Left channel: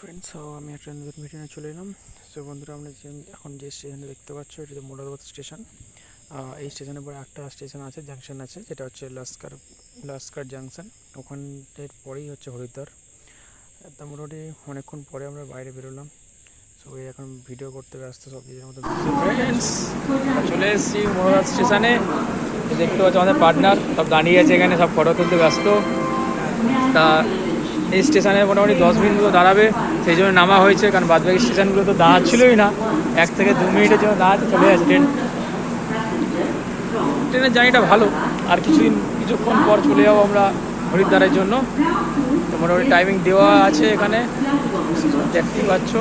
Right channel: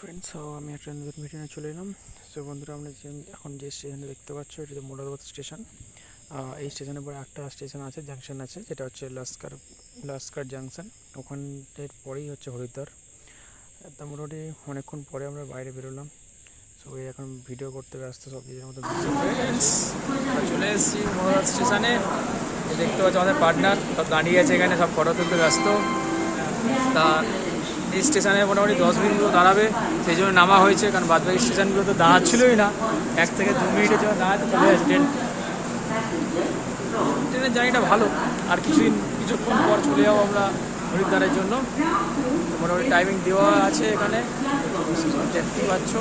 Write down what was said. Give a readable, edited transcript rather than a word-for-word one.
Friends, আমি একটা নতুন মিটিংয়ে চলে এলাম। সো বন্ধুরা, আমরা এখন যে স্টেশনে দেখতে পাচ্ছ, এটা তো মোরাদাবাদ স্টেশন। এই স্টেশনের পরে একটা স্টেশন আছে, জাংশন আছে, যেটা হচ্ছে লস্কর জাংশন। ওখানের পরেই হচ্ছে হরিদ্বার। তা মোটামুটি অনেকক্ষণ পরে আমরা বাইরে বেরোলাম। সো এই এখন ভিডিও করতে ব্যস্ত, সব নিজের মতো। ফ্রেন্ডস, আমরা চলে এসেছি মোরাদাবাদ স্টেশনে। দেখতে পাচ্ছ আমাদের পার্টনার সব দাঁড়িয়ে আছে এখানে, সব ফটো তুলতে ব্যস্ত। তা এই স্টেশনে মোটামুটি 10 মিনিট মতো দাঁড়াবে, সেই জন্য নামা হয়েছে, কারণ বাদবাকি স্টেশনগুলো তো দাঁড়াচ্ছিলই না। 1 থেকে 2 মিনিটের জন্য দাঁড়াতে চলে যাচ্ছে ট্রেন। ট্রেনের জার্নিটা ভালো। আর কিছুক্ষণ পর চলে যাবো আমরা হরিদ্বারের জন্য। তো মোটামুটি টাইমিং দেওয়া আছে এখানে, দেখতেই পাচ্ছ।